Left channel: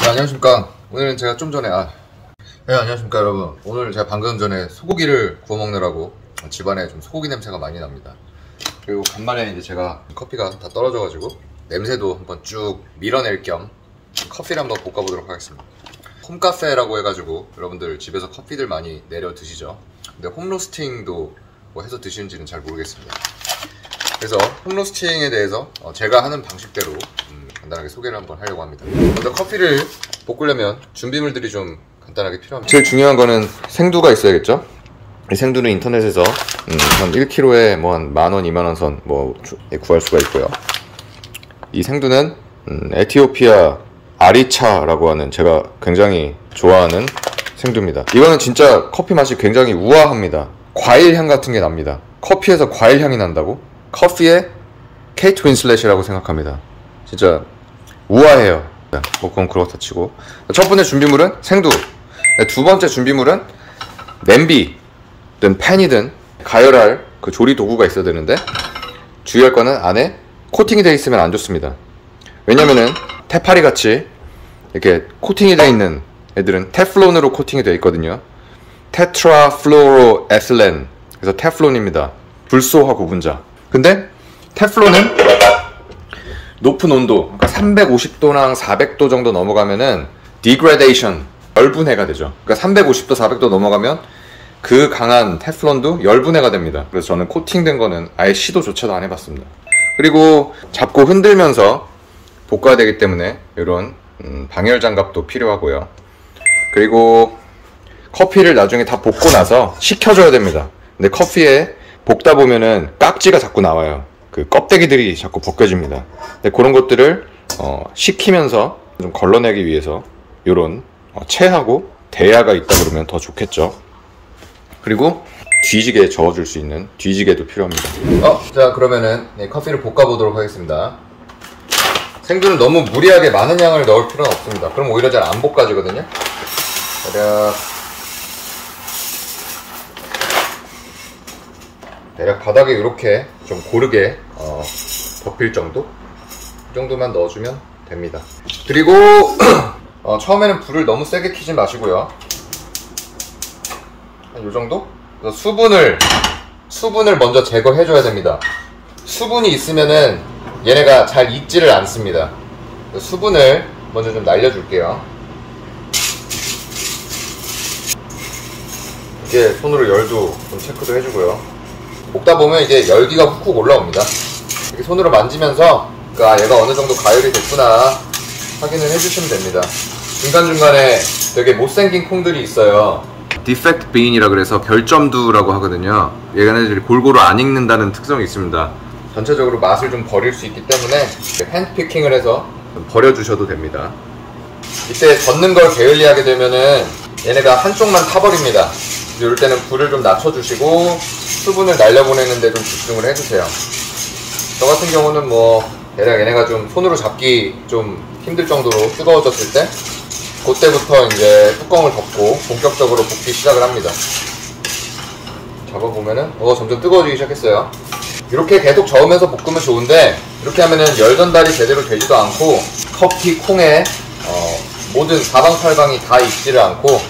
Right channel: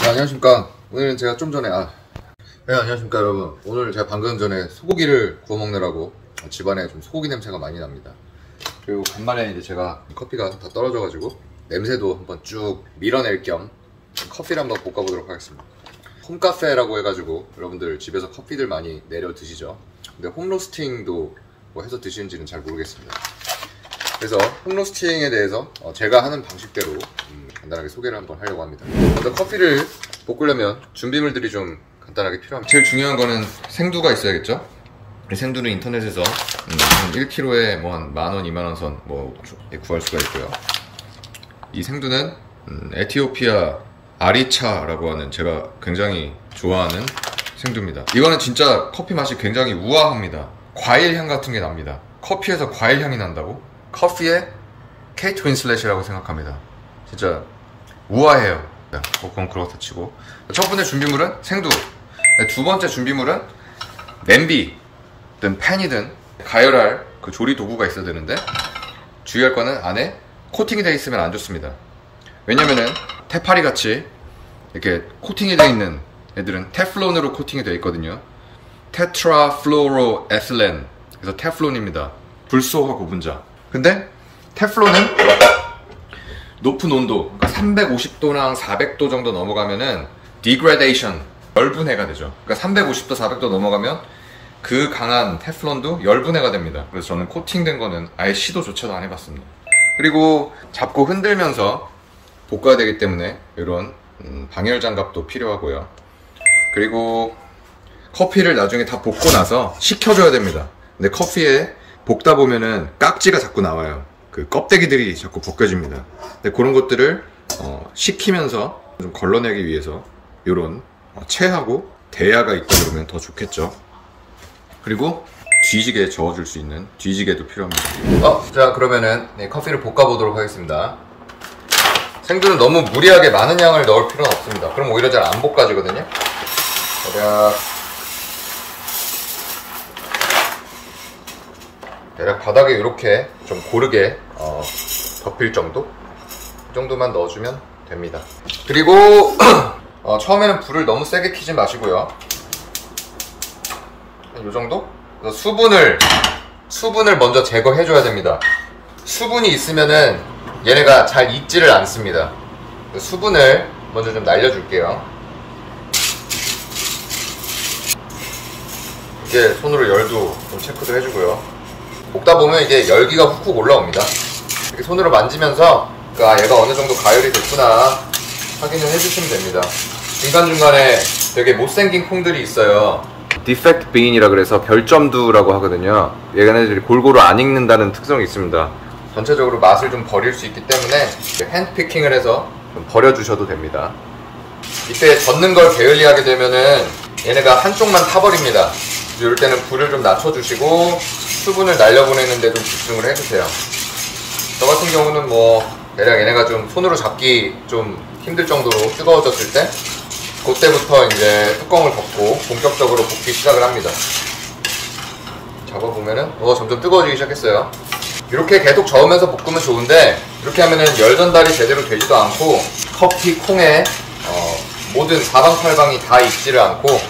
네, 안녕하십니까. 오늘은 제가 좀 전에 네, 안녕하십니까 여러분. 오늘 제가 방금 전에 소고기를 구워 먹느라고 집안에 좀 소고기 냄새가 많이 납니다. 그리고 간만에 이제 제가 커피가 다 떨어져가지고 냄새도 한번 쭉 밀어낼 겸 커피를 한번 볶아보도록 하겠습니다. 홈카페라고 해가지고 여러분들 집에서 커피들 많이 내려 드시죠. 근데 홈로스팅도 뭐 해서 드시는지는 잘 모르겠습니다. 그래서 홈로스팅에 대해서 제가 하는 방식대로 간단하게 소개를 한번 하려고 합니다. 먼저 커피를 볶으려면 준비물들이 좀 간단하게 필요합니다. 제일 중요한 거는 생두가 있어야겠죠. 이 생두는 인터넷에서 한 1kg에 뭐 한 10,000원, 20,000원 선 뭐 구할 수가 있고요. 이 생두는 에티오피아 아리차라고 하는 제가 굉장히 좋아하는 생두입니다. 이거는 진짜 커피 맛이 굉장히 우아합니다. 과일 향 같은 게 납니다. 커피에서 과일 향이 난다고? 커피에 케이트 윈슬렛이라고 생각합니다. 진짜 우아해요. 뭐 그건 그렇다 치고, 첫 번째 준비물은 생두. 두 번째 준비물은 냄비든 팬이든 가열할 그 조리 도구가 있어야 되는데, 주의할 거는 안에 코팅이 되어 있으면 안 좋습니다. 왜냐면은 테파리 같이 이렇게 코팅이 되어 있는 애들은 테플론으로 코팅이 되어 있거든요. 테트라플로로에틸렌, 그래서 테플론입니다. 불소화 구분자. 근데 테플론은 높은 온도, 그러니까 350도나 400도 정도 넘어가면은 degradation, 열분해가 되죠. 그러니까 350도, 400도 넘어가면 그 강한 테플론도 열분해가 됩니다. 그래서 저는 코팅된 거는 아예 시도조차도 안 해봤습니다. 그리고 잡고 흔들면서 볶아야 되기 때문에 이런 방열 장갑도 필요하고요. 그리고 커피를 나중에 다 볶고 나서 식혀줘야 됩니다. 근데 커피에 볶다 보면은 깍지가 자꾸 나와요. 그 껍데기들이 자꾸 벗겨집니다. 근데 그런 것들을 식히면서 좀 걸러내기 위해서 이런 체하고 대야가 있다 그러면 더 좋겠죠. 그리고 뒤지게 저어줄 수 있는 뒤지개도 필요합니다. 자, 그러면은 커피를 볶아보도록 하겠습니다. 생두는 너무 무리하게 많은 양을 넣을 필요는 없습니다. 그럼 오히려 잘 안 볶아지거든요. 대략 바닥에 이렇게 좀 고르게 덮일 정도? 이 정도만 넣어주면 됩니다. 그리고 처음에는 불을 너무 세게 켜지 마시고요. 한 요 정도? 그래서 수분을 먼저 제거해줘야 됩니다. 수분이 있으면은 얘네가 잘 익지를 않습니다. 수분을 먼저 좀 날려줄게요. 이게 손으로 열도 좀 체크도 해주고요. 볶다 보면 이제 열기가 훅훅 올라옵니다. 이렇게 손으로 만지면서 얘가 어느 정도 가열이 됐구나 확인을 해주시면 됩니다. 중간중간에 되게 못생긴 콩들이 있어요. 디펙트 빈이라 그래서 별점두라고 하거든요. 얘네들이 골고루 안 익는다는 특성이 있습니다. 전체적으로 맛을 좀 버릴 수 있기 때문에 핸드피킹을 해서 좀 버려주셔도 됩니다. 이때 젓는 걸 게을리하게 되면은 얘네가 한쪽만 타버립니다. 이럴 때는 불을 좀 낮춰주시고 수분을 날려보내는 데 좀 집중을 해주세요. 저 같은 경우는 뭐 대략 얘네가 좀 손으로 잡기 좀 힘들 정도로 뜨거워졌을 때 그때부터 이제 뚜껑을 덮고 본격적으로 볶기 시작을 합니다. 잡아보면은 점점 뜨거워지기 시작했어요. 이렇게 계속 저으면서 볶으면 좋은데, 이렇게 하면은 열 전달이 제대로 되지도 않고 커피 콩에 모든 사방팔방이 다 익지를 않고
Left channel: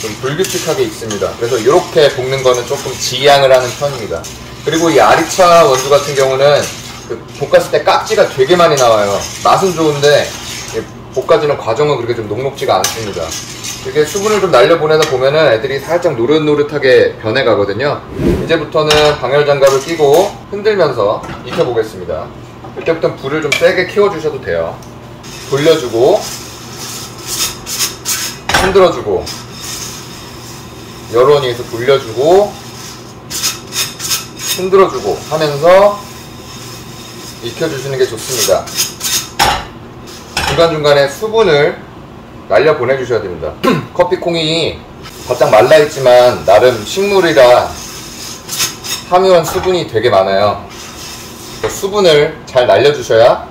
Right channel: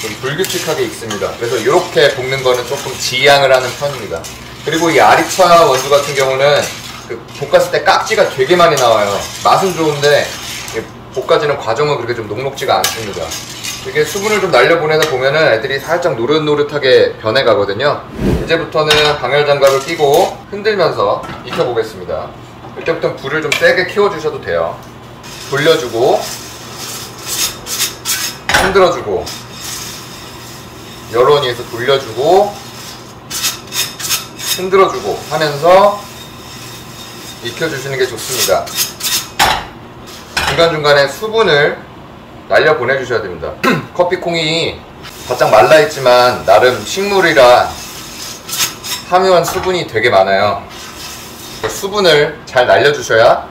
좀 불규칙하게 익습니다. 그래서 이렇게 볶는 거는 조금 지양을 하는 편입니다. 그리고 이 아리차 원두 같은 경우는 볶았을 때 깍지가 되게 많이 나와요. 맛은 좋은데 볶아지는 과정은 그렇게 좀 녹록지가 않습니다. 이렇게 수분을 좀 날려보내다 보면은 애들이 살짝 노릇노릇하게 변해가거든요. 이제부터는 방열 장갑을 끼고 흔들면서 익혀보겠습니다. 이때부터는 불을 좀 세게 키워주셔도 돼요. 돌려주고 흔들어주고 여러 원위에서 돌려주고 흔들어주고 하면서 익혀주시는 게 좋습니다. 중간중간에 수분을 날려 보내주셔야 됩니다. 커피콩이 바짝 말라있지만 나름 식물이라 함유한 수분이 되게 많아요. 수분을 잘 날려주셔야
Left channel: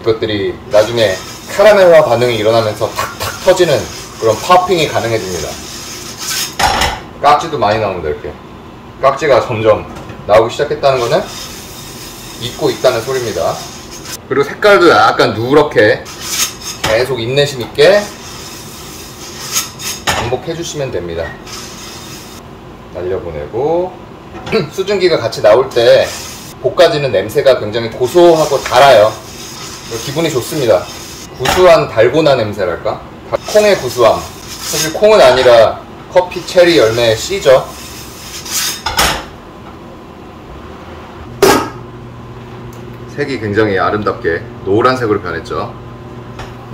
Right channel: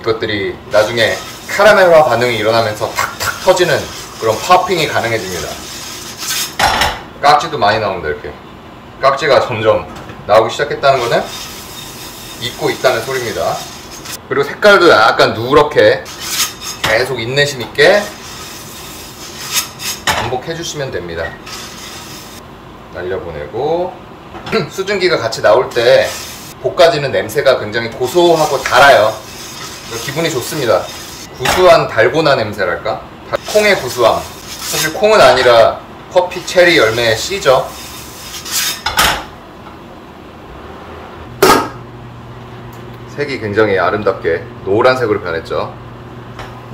이것들이 나중에 카라멜화 반응이 일어나면서 탁탁 터지는 그런 파핑이 가능해집니다. 깍지도 많이 나옵니다. 이렇게 깍지가 점점 나오기 시작했다는 거는 익고 있다는 소리입니다. 그리고 색깔도 약간 누렇게 계속 인내심 있게 반복해 주시면 됩니다. 날려보내고 수증기가 같이 나올 때 볶아지는 냄새가 굉장히 고소하고 달아요. 기분이 좋습니다. 구수한 달고나 냄새랄까? 콩의 구수함. 사실 콩은 아니라 커피 체리 열매의 씨죠. 색이 굉장히 아름답게 노란색으로 변했죠.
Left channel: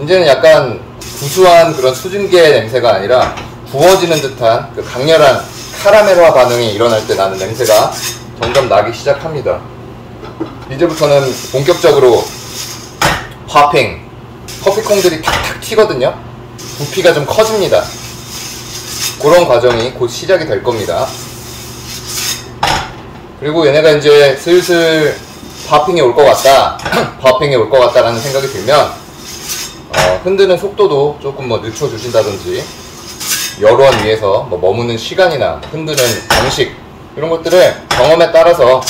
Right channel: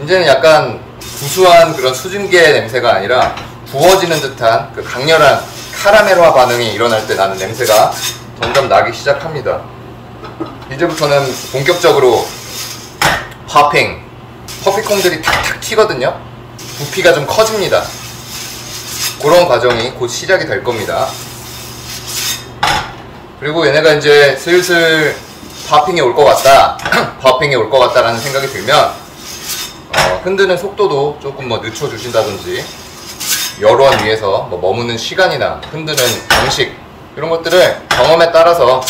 이제는 약간 구수한 그런 수증기의 냄새가 아니라 구워지는 듯한 그 강렬한 카라멜화 반응이 일어날 때 나는 냄새가 점점 나기 시작합니다. 이제부터는 본격적으로 파핑, 커피콩들이 탁탁 튀거든요. 부피가 좀 커집니다. 그런 과정이 곧 시작이 될 겁니다. 그리고 얘네가 이제 슬슬 파핑이 올 것 같다 파핑이 올 것 같다라는 생각이 들면 흔드는 속도도 조금 늦춰주신다든지 열원 위에서 머무는 시간이나 흔드는 방식 이런 것들을 경험에 따라서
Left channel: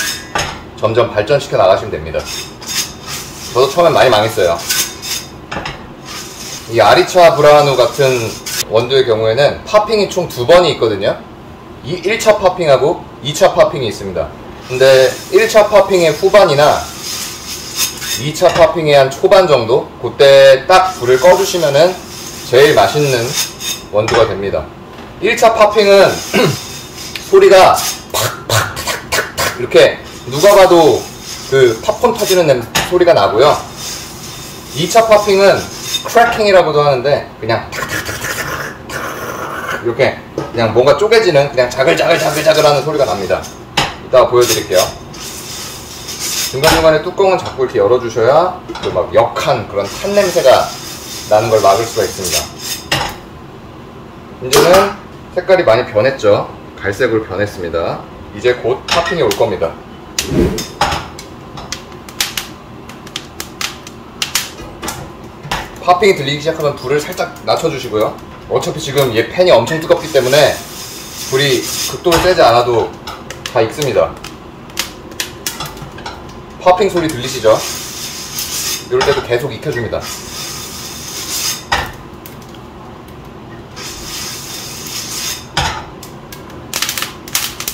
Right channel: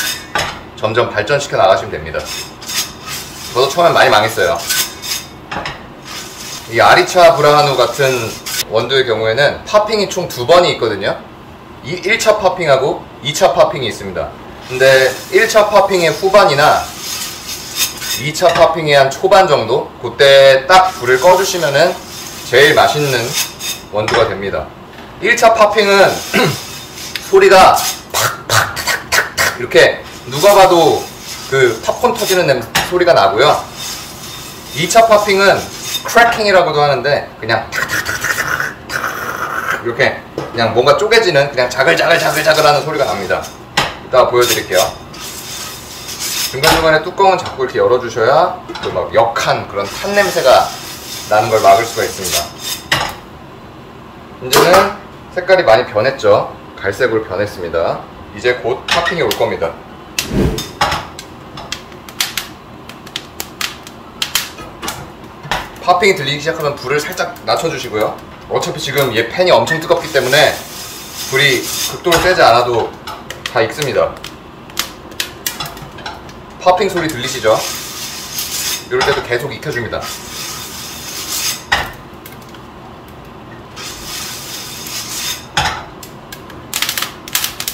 점점 발전시켜 나가시면 됩니다. 저도 처음엔 많이 망했어요. 이 아리차 브라하누 같은 원두의 경우에는 파핑이 총 2번이 있거든요. 1차 파핑하고 2차 파핑이 있습니다. 근데 1차 파핑의 후반이나 2차 파핑의 한 초반 정도 그때 딱 불을 꺼주시면은 제일 맛있는 원두가 됩니다. 1차 파핑은 소리가 팍팍 이렇게 누가 봐도 그 팝콘 터지는 소리가 나고요. 2차 파핑은 크래킹이라고도 하는데 그냥 이렇게 그냥 뭔가 쪼개지는 그냥 자글자글 하는 소리가 납니다. 이따가 보여드릴게요. 중간중간에 뚜껑은 자꾸 이렇게 열어주셔야 그 막 역한 그런 탄 냄새가 나는 걸 막을 수가 있습니다. 이제는 색깔이 많이 변했죠. 갈색으로 변했습니다. 이제 곧 파핑이 올 겁니다. 파핑이 들리기 시작하면 불을 살짝 낮춰주시고요. 어차피 지금 얘 팬이 엄청 뜨겁기 때문에 불이 극도로 세지 않아도 다 익습니다. 파핑 소리 들리시죠? 이럴 때도 계속 익혀줍니다.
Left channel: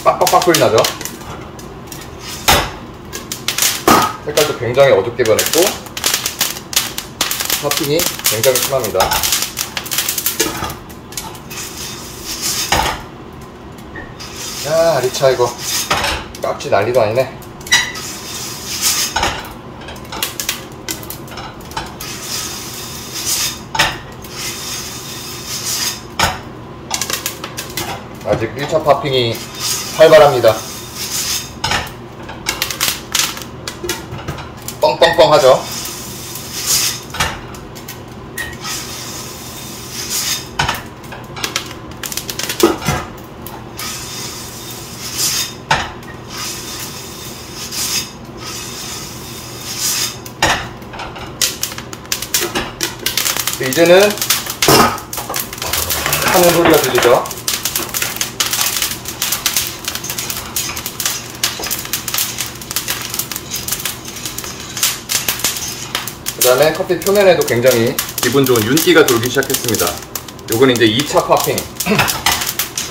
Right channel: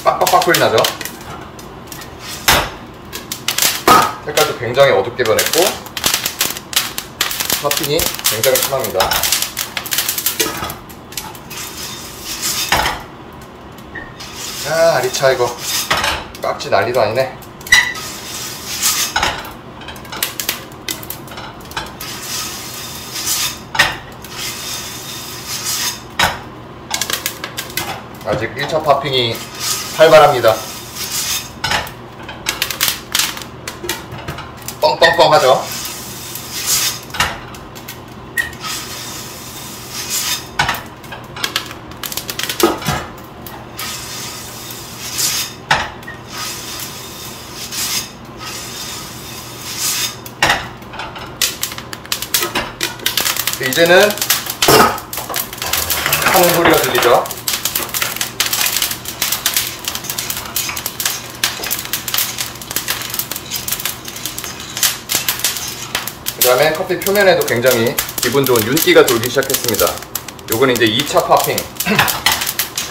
빡빡빡 소리 나죠? 색깔도 굉장히 어둡게 변했고 파핑이 굉장히 심합니다. 야, 아리차 이거 깍지 난리도 아니네. 아직 1차 파핑이 활발합니다. 뻥뻥뻥 하죠. 이제는 하는 소리가 들리죠. 그 다음에 커피 표면에도 굉장히 기분 좋은 윤기가 돌기 시작했습니다. 요건 이제 2차 파핑.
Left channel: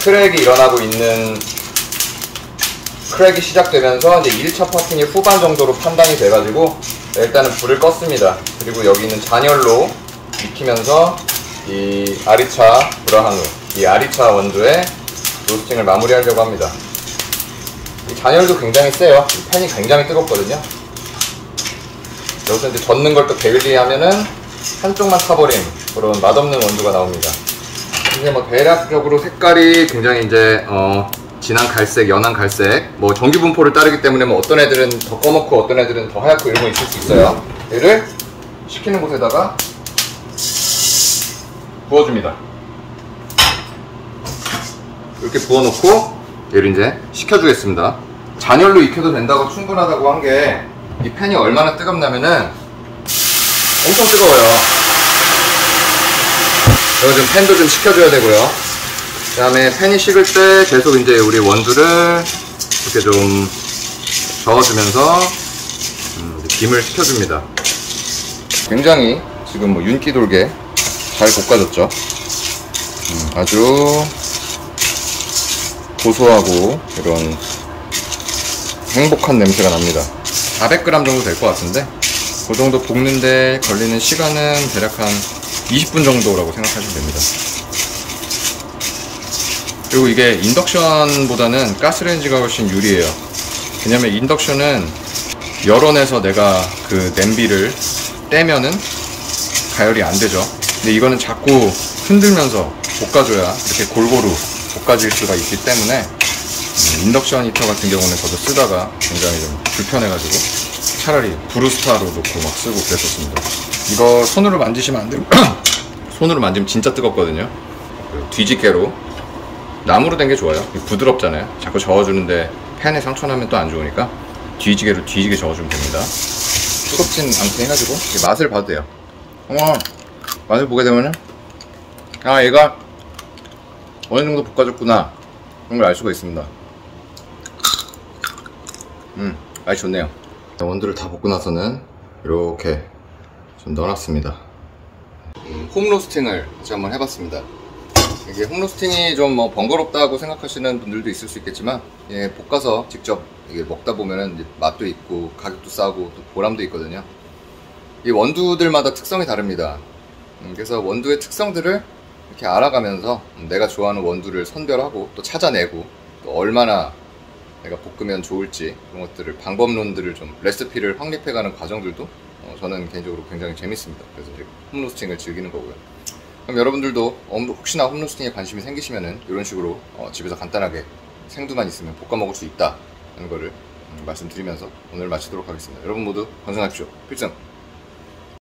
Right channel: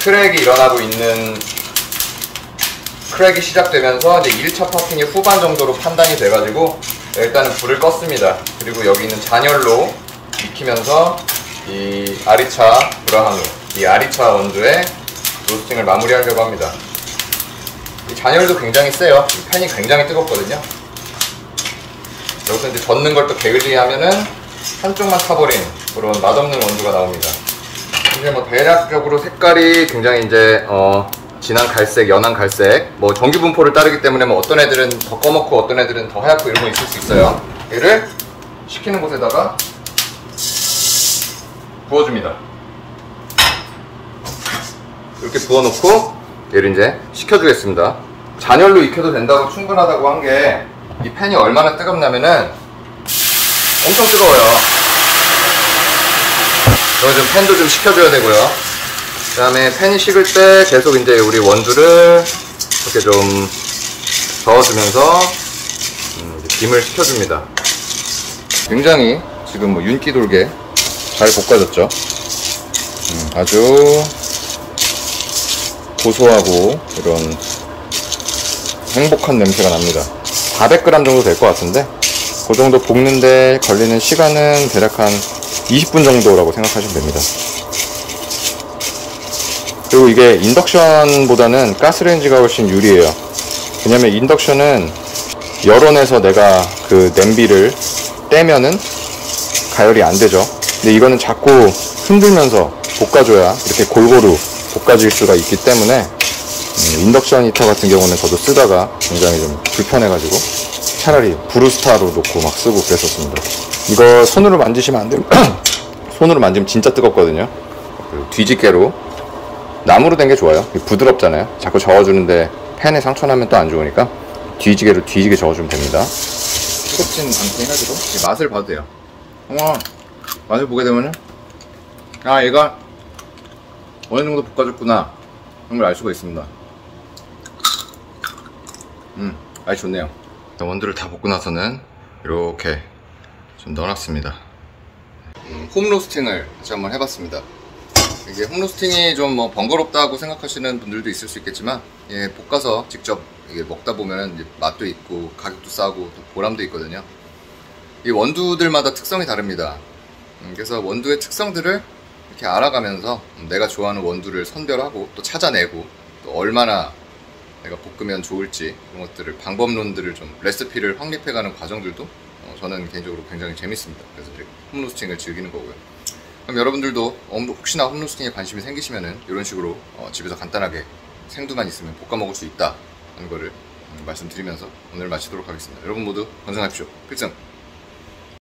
크랙이 일어나고 있는, 크랙이 시작되면서 이제 1차 파핑의 후반 정도로 판단이 돼가지고 일단은 불을 껐습니다. 그리고 여기 있는 잔열로 익히면서 이 아리차 브라하누, 이 아리차 원두의 로스팅을 마무리하려고 합니다. 이 잔열도 굉장히 세요. 이 팬이 굉장히 뜨겁거든요. 여기서 이제 젓는 걸 또 게을리하면은 한쪽만 타버린 그런 맛없는 원두가 나옵니다. 이제 대략적으로 색깔이 굉장히 이제 진한 갈색, 연한 갈색, 정규 분포를 따르기 때문에 어떤 애들은 더 꺼놓고 어떤 애들은 더 하얗고 이런 거 있을 수 있어요. 얘를 식히는 곳에다가 부어줍니다. 이렇게 부어놓고 얘를 이제 식혀주겠습니다. 잔열로 익혀도 된다고 충분하다고 한 게 이 팬이 얼마나 뜨겁냐면은 엄청 뜨거워요. 그래서 좀 팬도 좀 식혀줘야 되고요. 그 다음에 팬이 식을 때 계속 이제 우리 원두를 이렇게 좀 저어주면서 김을 식혀줍니다. 굉장히 지금 뭐 윤기 돌게 잘 볶아졌죠. 아주 고소하고 이런 행복한 냄새가 납니다. 400g 정도 될 것 같은데 그 정도 볶는데 걸리는 시간은 대략 한 20분 정도라고 생각하시면 됩니다. 그리고 이게 인덕션보다는 가스레인지가 훨씬 유리해요. 왜냐면 인덕션은 열원에서 내가 그 냄비를 떼면은 가열이 안 되죠. 근데 이거는 자꾸 흔들면서 볶아줘야 이렇게 골고루 볶아질 수가 있기 때문에 인덕션 히터 같은 경우는 저도 쓰다가 굉장히 좀 불편해가지고 차라리 브루스타로 놓고 막 쓰고 그랬었습니다. 이거 손으로 만지시면 안 됩니다. 손으로 만지면 진짜 뜨겁거든요. 뒤집개로 나무로 된 게 좋아요. 부드럽잖아요. 자꾸 저어주는데 팬에 상처 나면 또 안 좋으니까 뒤지개로 뒤지게 저어주면 됩니다. 뜨겁진 않게 해가지고 맛을 봐도 돼요. 맛을 보게 되면은 얘가 어느 정도 볶아졌구나 그런 걸 알 수가 있습니다. 맛이 좋네요. 원두를 다 볶고 나서는 이렇게 좀 넣어놨습니다. 홈로스팅을 같이 한번 해봤습니다. 이게 홈로스팅이 좀 뭐 번거롭다고 생각하시는 분들도 있을 수 있겠지만 볶아서 직접 이게 먹다 보면은 이제 맛도 있고 가격도 싸고 또 보람도 있거든요. 이 원두들마다 특성이 다릅니다. 그래서 원두의 특성들을 이렇게 알아가면서 내가 좋아하는 원두를 선별하고 또 찾아내고 또 얼마나 내가 볶으면 좋을지 그런 것들을 방법론들을 좀 레시피를 확립해가는 과정들도 저는 개인적으로 굉장히 재밌습니다. 그래서 이렇게 홈로스팅을 즐기는 거고요. 그럼 여러분들도 혹시나 홈로스팅에 관심이 생기시면은 이런 식으로 집에서 간단하게 생두만 있으면 볶아 먹을 수 있다 하는 거를 말씀드리면서 오늘 마치도록 하겠습니다. 여러분 모두 건강하십시오. 필승!